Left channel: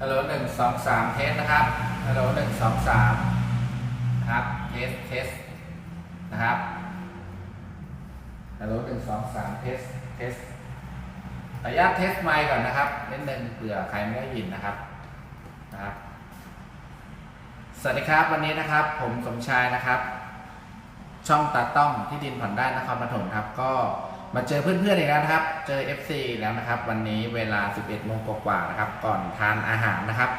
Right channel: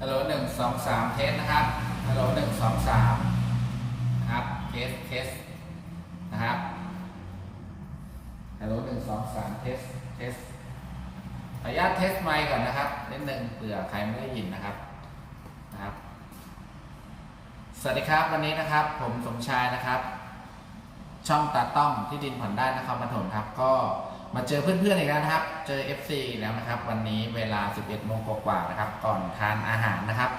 ฮัลโหลหนึ่งสองสามเทสนะครับ ฮัลโหลหนึ่งสองสามนะครับ เทส เทส นะครับ ฮัลโหลหนึ่งสองสามเทส เทสขออนุญาตเทสไมค์ก่อนนะครับนิดนึงเผื่อใครไม่ได้ยินนะครับ นะครับ สวัสดีครับวันนี้นะครับ ผมสมชายนะครับ ช่องตาต้องที่ดินผ่อนได้นครปฐมครับ ก็ มาเจอเพื่อนๆอีกแล้วนะครับ เจอ FC อีแล้วนะครับ วันนี้เวลา 11โมงกว่าๆนะครับ ก่อนทานอาหารนะครับ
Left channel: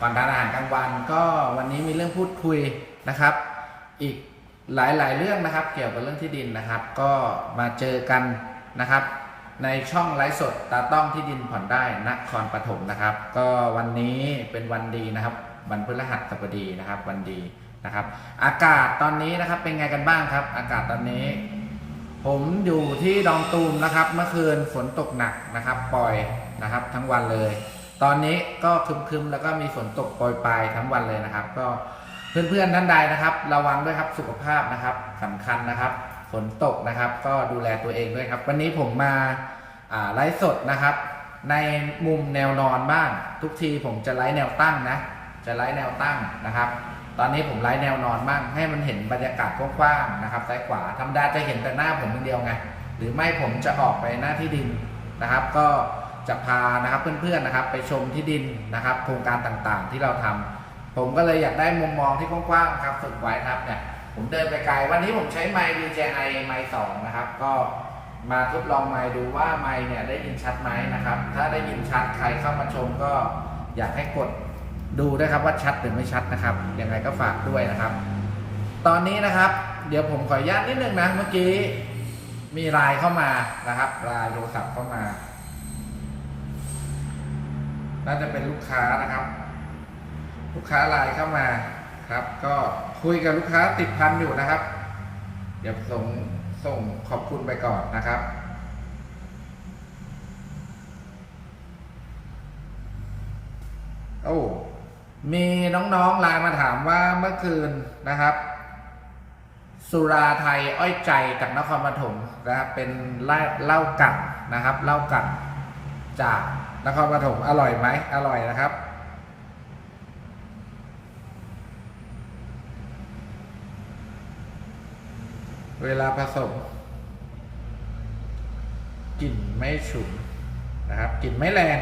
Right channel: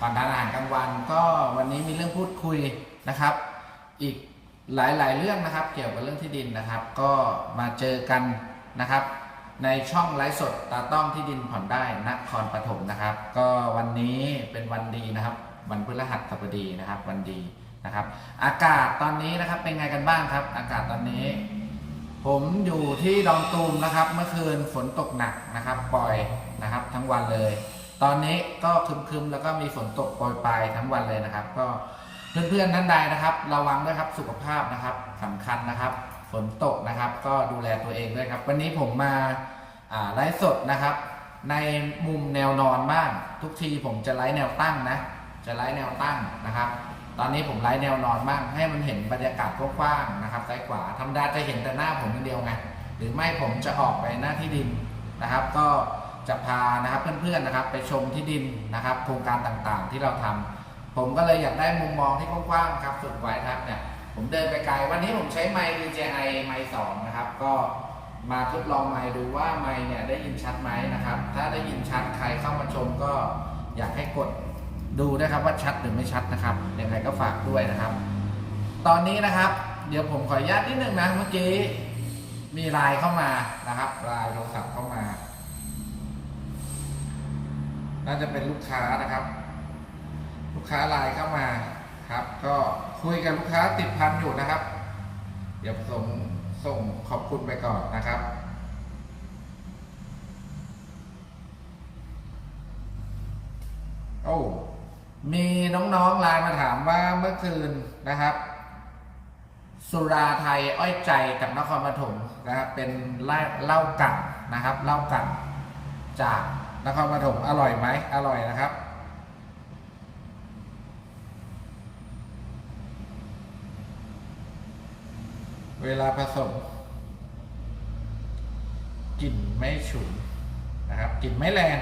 ก่อนทานอาหารกลางวันก็วันนี้มีเรื่องพูดคุยนะครับ อีกหลายๆเรื่องนะครับ เกี่ยวกับเรื่องที่ดินนะครับ ก็มาเจอกันนะครับ ในช่องไลฟ์สดตาต้องที่ดินผ่อนได้นครปฐมนะครับ ก็วันนี้เป็นวันดีนะครับ วันพฤหัสบดีนะครับ วันดีนะครับ อากาศตอนนี้นะครับเป็นไงกันบ้างครับ อากาศตอนนี้ ผมอยู่ที่ดอนตูมนะครับ เมื่อคืนฝนตกหนักนะครับ ปล่อยนะครับ ทั้งวันเลย ตอนนี้ก็คึมๆแล้วก็มีฝนตกปรยปลายทั้งวันเลยนะครับ ก็เพื่อนๆท่านใดนะครับ ระวังด้วยครับสุขภาพนะครับสำคัญนะครับ ฝนตกนะครับ ก็ดูแลตัวเองด้วยครับ วันนี้ผมมาอ่าไลฟ์สดนะครับ ในมุมแนวนอนบ้าง ทุกทีผมจะไลฟ์แนวตั้งนะ จะไลฟ์แนวตั้งนะครับ ตอนนี้ผมไลฟ์แนวนอนบ้างให้มันเห็นบรรยากาศกว้างๆนะครับซ้ายขวาธรรมดาจะเห็นแต่หน้าผมคนเดียวไงหรือไม่ผมจะออกไปหน้าที่ดินนะครับ ก็จะพานะครับเพื่อนๆนะครับ ไปชมที่ดินนะครับ โครงการต่างๆที่เราทำผมก็เลยอยากได้มุมมองที่กว้างๆครับฝึกไว้ครับเนี่ยผมเดินไปไกลวันนี้ผมใช้ไมค์ DJI ไมค์สองนะครับ ก็มาทดลองไมค์ดูว่าไมค์เนี่ยได้ยินชัดไหมนะครับ ถ้าได้ยินชัดใครเข้ามาชมก็อยากให้กด ดูด้ครับว่าชัดหรือไม่ชัดนะครับยังไงก็ฝากด้วยนะครับ ตอนนี้นะครับ เดี๋ยวผมขออนุญาตนิดนึงนะเมื่อกี้มีไลน์เข้ามานะครับไลน์โทรศัพท์เข้ามา น่าจะเป็นลูกค้านะครับ ลูกค้าไลน์เข้ามาครับ ก็คุยกับลูกค้าติดพันอยู่นะครับ เดี๋ยวส่งส่งขอบคุณไปก่อนนะครับโอ้ มีน้องๆไลน์มาถามว่าเมื่อคืนนะครับ สุราไทยอ้อยใจจากนครปฐมนะครับเป็นเหล้าเหล้ากัดนะครับเหล้ากัดจากนครปฐมอร่อยไหมอร่อยนะครับ เวลาผสมกลิ่นไม่ฉุนนะครับกลิ่นไม่แรง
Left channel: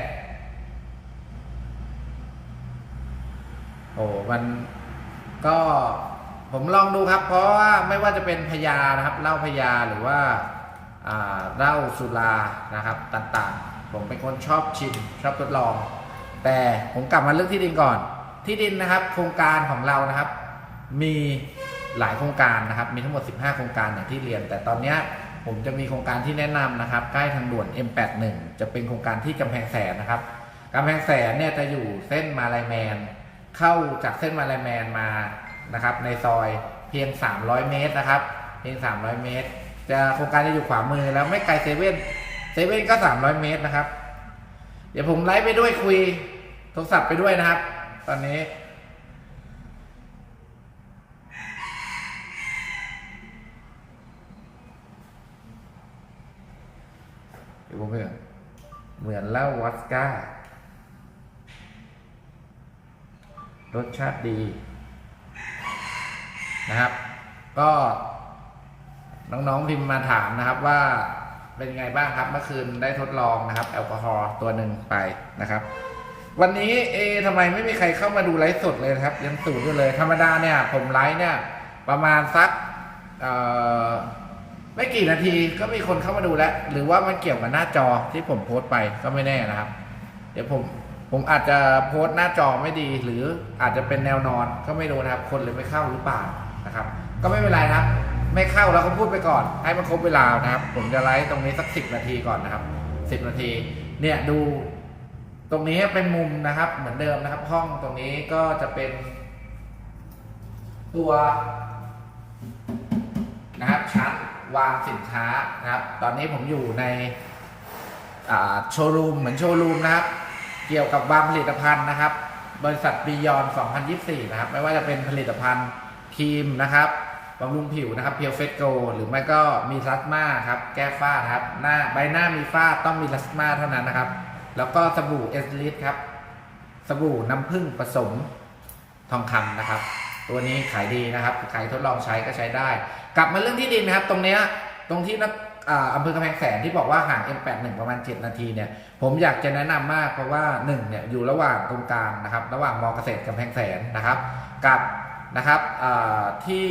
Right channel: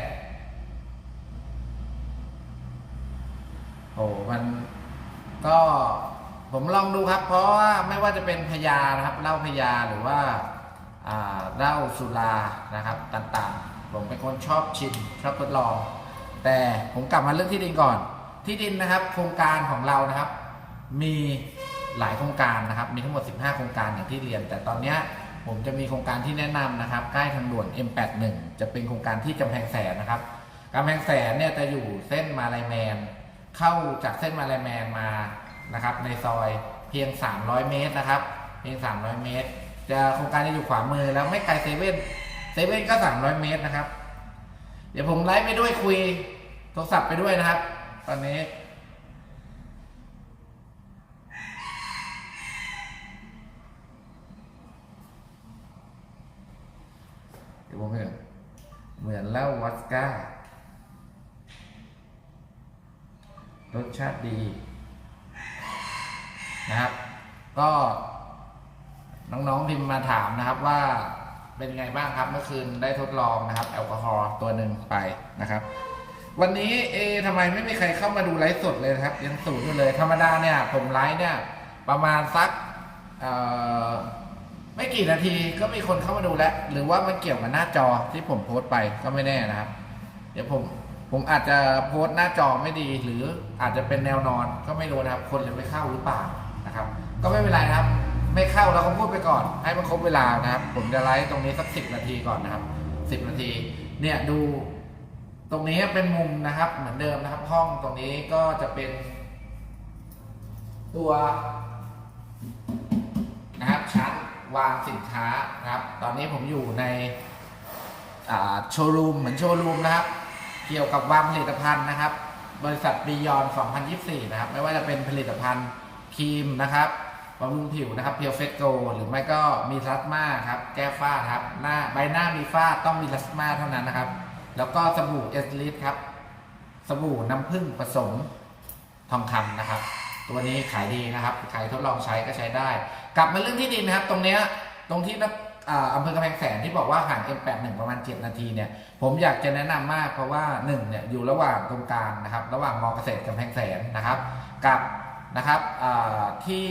โอ้มันก็ผมลองดูครับ เพราะว่าไม่ว่าจะเป็นพยานะครับเหล้าพยาหรือว่าเหล้าสุรานะครับต่างๆ ผมเป็นคนชอบชิมชอบทดลอง แต่ผมกลับมาเรื่องที่ดินก่อน ที่ดินนะครับ โครงการของเรานะครับ มีหลายโครงการนะครับ มีทั้งหมด 15 โครงการอย่างที่เรียน แต่ตอนนี้ผมจะมีโครงการที่แนะนำนะครับ ใกล้ทางด่วน M81 จะเป็นโครงการที่กำแพงแสนนะครับกำแพงแสนเนี่ยจะอยู่เส้นมาลายแมน เข้าจากเส้นมาลายแมนมานะครับในซอยเพียง 300 เมตรนะครับ เพียง 300 เมตร จะโครงการจะอยู่ขวามือแล้วไม่ไกลเซเว่นเซเว่นก็ 300 เมตรนะครับ เดี๋ยวผมไลฟ์ไปด้วยคุยโทรศัพท์ไปด้วยนะครับ ตอนนี้เดี๋ยวผมเหมือนเหมือนเล้าวัดก้า รสชาติดีนะครับ ก็น้องๆพิมพ์มาถามนะครับว่าเป็นไงบ้างครับ เมื่อคืนได้ทดลองนะครับ แอลกอฮอล์ตัวหนึ่งไปนะครับ วันนี้เอทำไมไม่มีใครเข้ามาดูไลฟ์สดเลยครับยังสูดอยู่เลย ธรรมดาเนี่ย ผมไลฟ์เนี่ย ประมาณสักไม่กี่นาทีก็มีคนเข้ามาดูแล้ว หรือว่ามันเกี่ยวกับหน้าจอที่ผมโพสต์ไปก็ไม่แน่นะครับ เดี๋ยวผม ผมอาจจะโพสต์หน้าจอไม่ดี หรืออาจจะเป็นแนวนอนก็ไม่รู้นะครับ คนเลยไม่เข้าหรือเปล่านะครับ ก็ไม่เป็นไรครับ ไม่เข้าเราก็พูดไปก่อน ให้มันครบเวลานะครับ ผมจะไลฟ์ตรงนี้สักสิบนาทีก่อนนะครับสิบนาที เนี่ยดูตรงนี้เป็นมุมนะครับ เหมือนเดิมนะครับ ห้องตรงนี้ก็จะเป็น ตัวนะครับชั้นวางสินค้านะครับ ตอนนี้ผมอยู่ในโชว์รูมเหมือนโชว์รูมนะครับ เกี่ยวกับวางผลิตภัณฑ์นะครับ บริษัทบียอน 2024 นะครับ ไม่ว่าจะเป็นผลิตภัณฑ์ครีมนะครับบำรุงผิวนะครับเพียวเฟสโกหรือไม่ก็มีลัสมาครับ แก้ฝ้าครับ หน้าใบหน้ามีฝ้าต้องมีลัสมาเท่านั้นนะครับ แล้วก็สบู่เอสลิสครับ สบู่น้ำผึ้งผสมทองคำนะครับ ตัวนี้ขายดีนะครับ ใครทดลองใช้ก็ใช้ได้ กลับมาเรื่องที่ดินนะครับ ตรงเนี้ยตรงที่นัก อ่าอำเภอกำแพงแสนที่บอกว่าห่าง M81 ประมาณ 7 นาทีเนี่ยผมอยากจะแนะนำมากเพราะว่า1เนี่ยอยู่ระหว่างตรงกลางนะครับ ระหว่างมอเกษตรกำแพงแสนนะครับ กับนะครับที่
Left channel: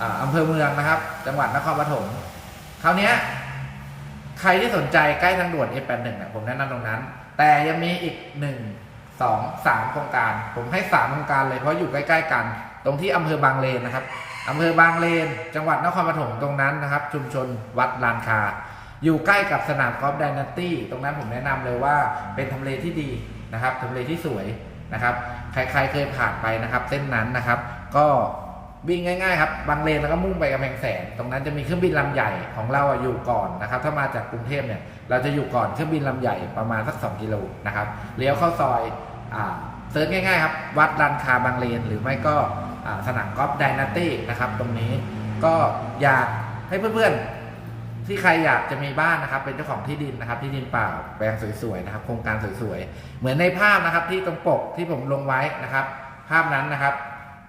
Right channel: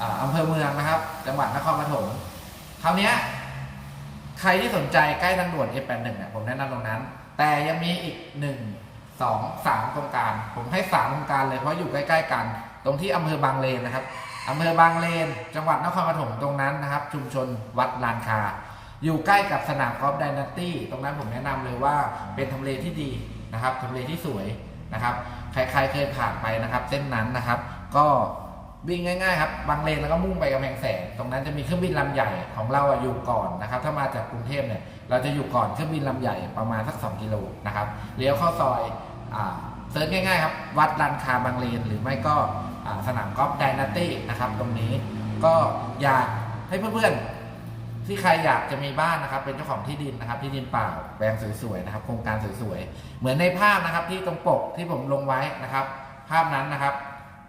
อ่าอำเภอเมืองนะครับ จังหวัดนครปฐมคราวนี้ใครที่สนใจใกล้ทางด่วน F81 เนี่ยผมแนะนำตรงนั้น แต่ยังมีอีก 1 2 3โครงการ ผมให้ 3 โครงการเลยเพราะอยู่ใกล้ ๆ กัน ตรงที่อำเภอบางเลนนะครับอำเภอบางเลน จังหวัดนครปฐมตรงนั้นนะครับ ชุมชนวัดลานคา อยู่ใกล้กับสนามกอล์ฟไดนาตี้ตรงนั้นผมแนะนำเลยว่าเป็นทำเลที่ดีนะครับทำเลที่สวยนะครับใครๆเคยผ่านไปนะครับเส้นนั้นนะครับ ก็วิ่งง่ายๆครับบางเลนแล้วก็มุ่งไปกำแพงแสน ตรงนั้นจะมีเครื่องบินลำใหญ่ของเราอยู่ก่อนนะครับ ถ้ามาจากกรุงเทพเนี่ย เราจะอยู่ก่อนเครื่องบินลำใหญ่ประมาณสัก 2 กิโลนะครับเลี้ยวเข้าซอยอ่าเซิร์ชง่ายๆครับวัดลานคาบางเลน หรือไม่ก็ สนามกอล์ฟไดนาตี้นะครับ ตรงนี้ก็อยากให้เพื่อนๆ ที่ใครอยากจะมีบ้านนะครับ เป็นเจ้าของที่ดินนะครับ ที่ดินเปล่าแปลงสวยๆนะครับ โครงการสวยๆ เหมือนในภาพนะครับที่ตรงปกที่ผมลงไว้นะครับ ภาพนั้นนะครับ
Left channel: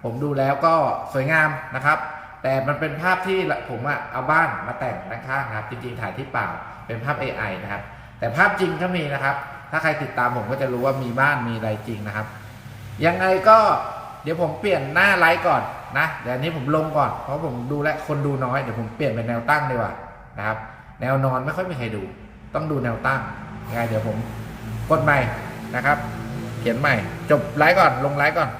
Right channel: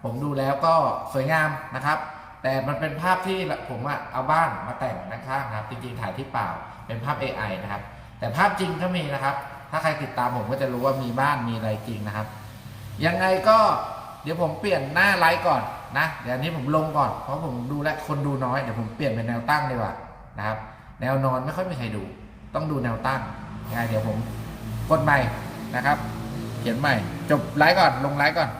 ผมดูแล้วก็สวยงามนะครับ แต่มันเป็นภาพที่ผมอะเอาบ้านมาแต่งด้านข้างนะครับ จริงๆถ่ายที่เปล่าเป็นภาพ AI นะครับ แต่ภาพจริงก็มีนะครับ ถ้าใครติดตามผมก็จะรู้ว่ามีบ้านมีอะไรจริงนะครับ ยังไงก็ เดี๋ยวผมเปลี่ยนหน้าไลฟ์ก่อนนะเดี๋ยวนี้ผมลงก่อนเพราะผมดูแลคนดูน้อยเดี๋ยวผมเปลี่ยนเป็นแนวตั้งดีกว่านะครับ แนวนอนไม่ค่อยมีใครดู ต้องดูแนวตั้งยังไงเดี๋ยวผมกดใหม่นะครับ เขียนใหม่ จบไลฟ์ก่อนลงไลฟ์ก่อน